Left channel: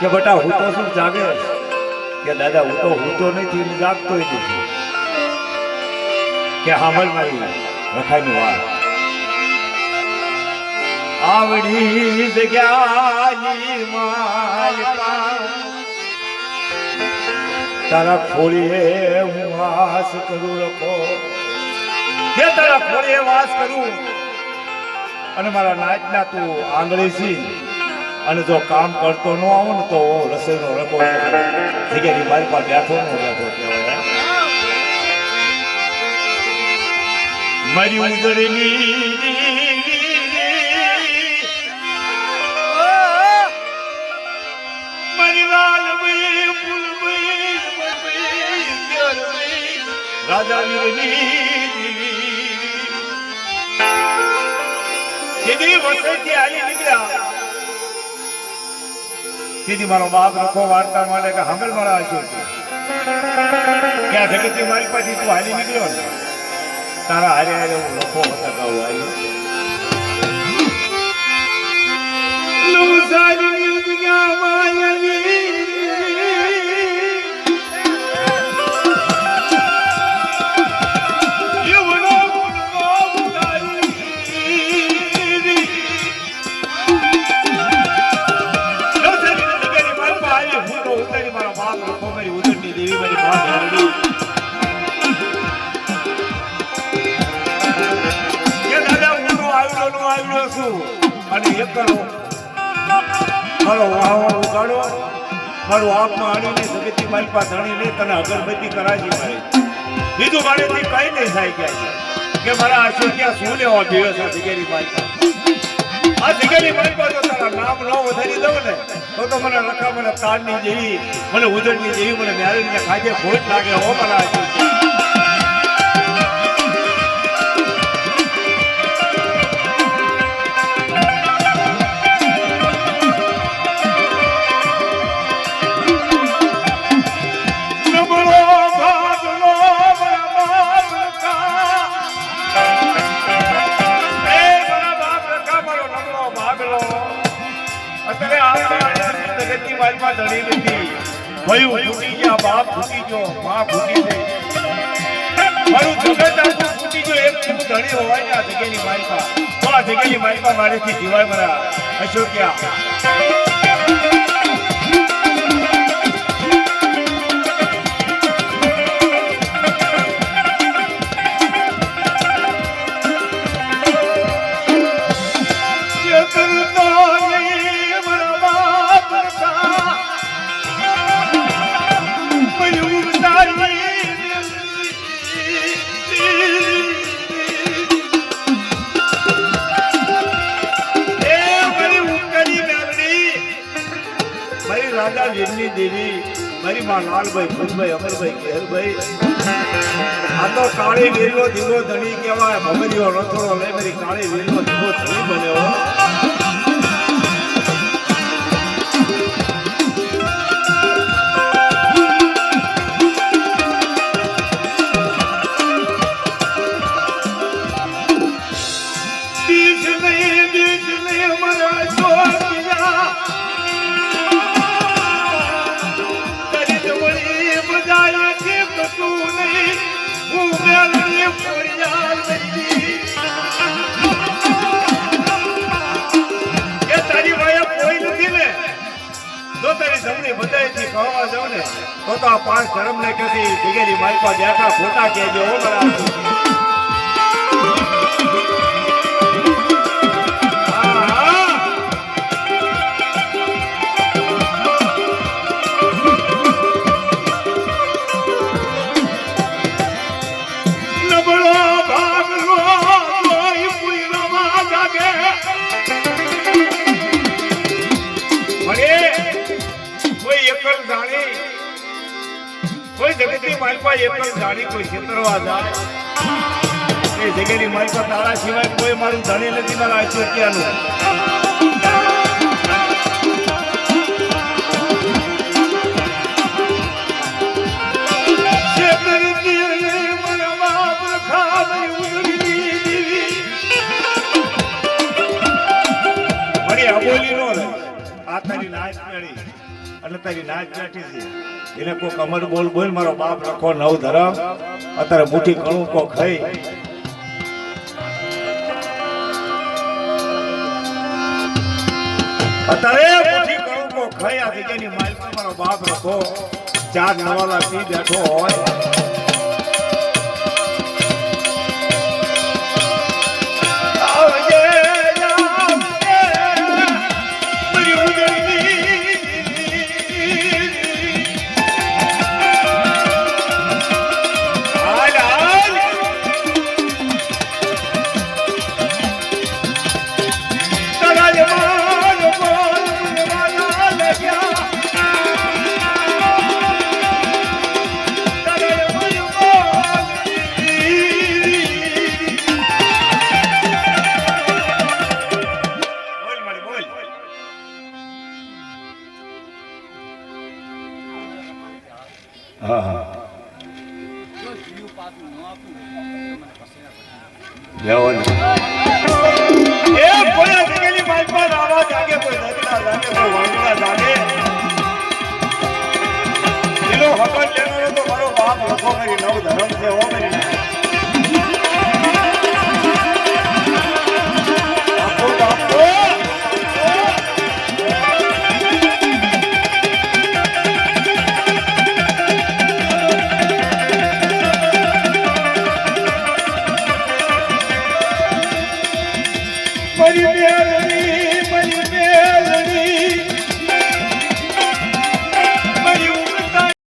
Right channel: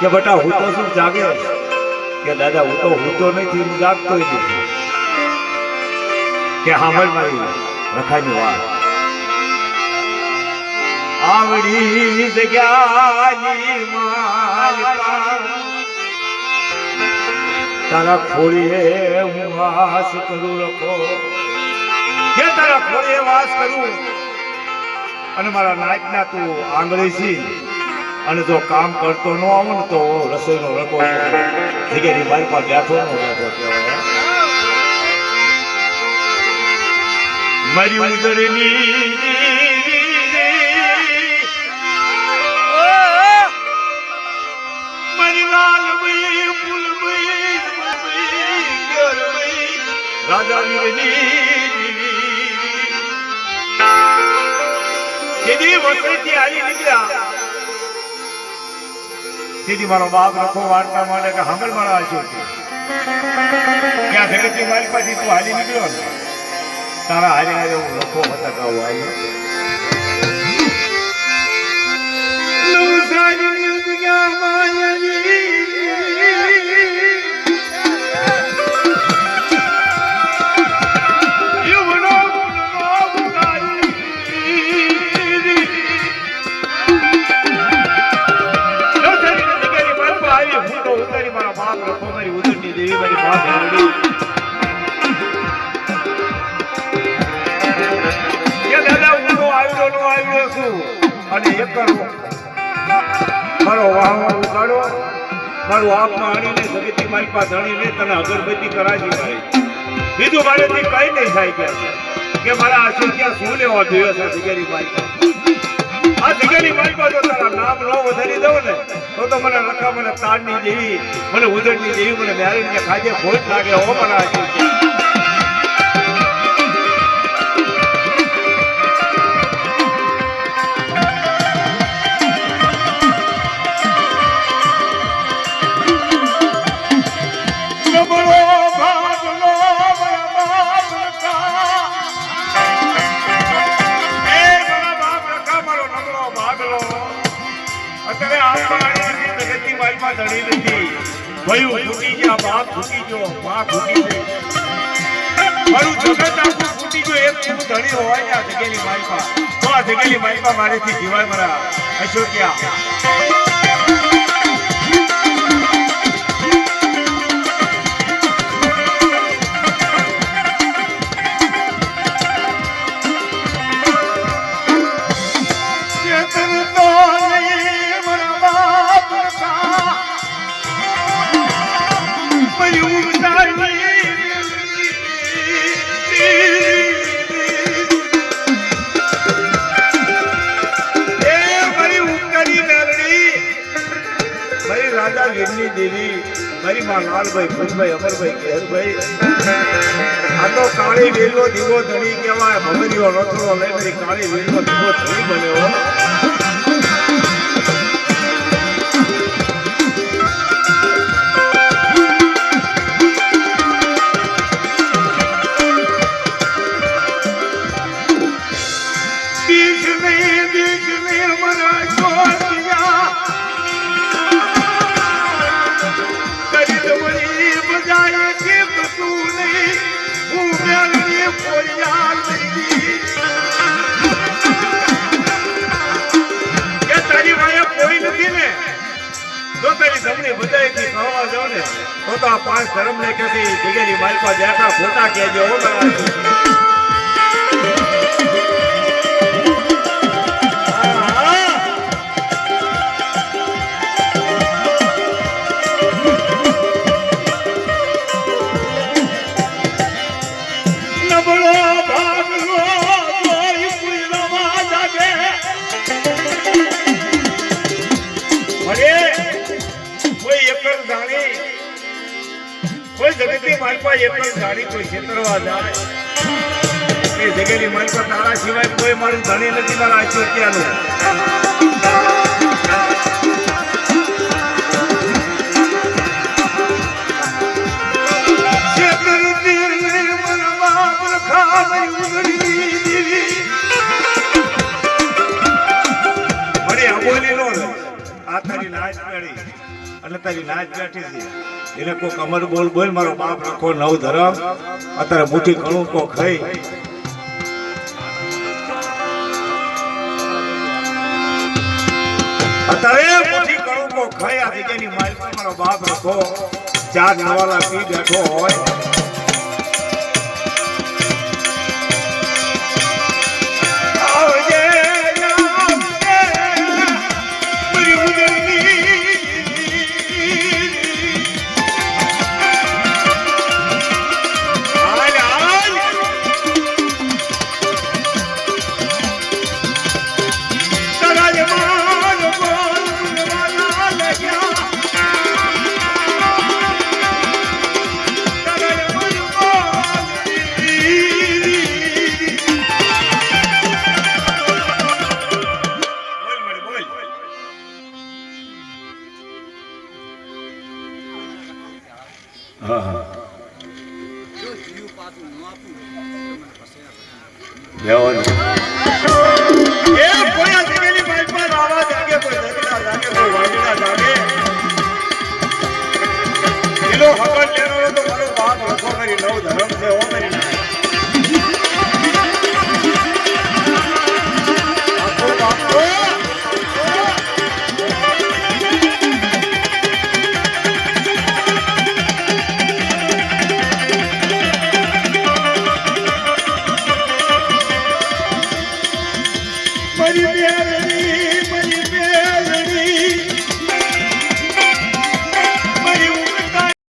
કે બેટા હું તો શું જાગે કે દાદા હું તો નથી જાગતો નથી કે સાંભળ મારી રખાની વાત આવડી જગ્યાની માલકા તારા ખોળીએ હું વાસ કરું રખો કે તારા ખોળીએ વાસ કરું અને મારા નાચના તું આંગળી છી અને જો કામ કરતો ન આવો ને તો રસોઈનો રખો જગ્યાની મારી પાસે બેઠો ન બેઠો કહેવાય મારી ઉજળની રાજા વીરની વસેથી આવી નીકળ્યા તેથી મારો બાપ રખો વાર્તા માટે કે સાંભળ મારા આશો ક્યાં જગતની મારી પાસે તું હાલી નીકળ્યો ને તારા હારે હારે હું રખો બતાવું આવ્યો અને એક કરો મારો વાહો ઉગાડો મારું આપમાં આણીને જગતની મારી પાસે ધણીને તને અગરબત્તી કરાવી મારી બીજું મારેથી કઈ નહીં થાય કે મારા આશોક્યા શું લેવા જોયો છે જગ્યાની મારી પાસે આ જગ્યાની મારી પાસે તારા નામ ન વધારી દઉં ને તો મને રખા મને તારની જેવી મને ઉજળની જેવી મને મેરેજને ખાજે ભોજ લાગે હો મારા આશોક્યા ફૂટી ગયા બાપ ફૂટી ગયો મા ફૂટી ગઈ મારું જગત આખું ફૂટી ગયો એક ધણી હોય ને આ જગ્યાની માલિકા તો આ જગ્યાની માલિકા મારેથી જીવાય મારા અશોક્યા રાજા વીરની દેવી મારી માં લાલભાઈ ફૂલભાઈ અમરભાઈ કેરભાઈ આ તો કાળી વીરનો દીવો ધણી કહેવાય ભમરીઓ રથોડો લઈ મારી કાળી વીરનો દીવો ધણી બન્યો તો આ પાંચ ધર્મ ને કે જગ્યાની મારી પાસે બેઠા ખોટા કહેજો જગતની માલિકા એક પણ જાણી કોઈ છેતરવા જાય એ જગ્યાની માલિકા તારા સિવાય કોઈ મારું જાણી નથી મારા અશોક્યાનું બોલી નો આ તારી નાચ મેળી એટલે તારી નાચ બેઠી છે એને કોઈ કમર બોલ બોલ મારો બાપ રખો નવ ધરમ અત્યારે મુઠ્ઠી કણું કો ખાઈ અત્યારે મુઠ્ઠી કણું કો ખાઈ આ જગ્યાની માલકી મારો બાપ રખો ચાર નવાલા પી બેઠો હોય હકલ લેવાનો તો મારો બાપ રખો કરી નવ ધર્મ છે હો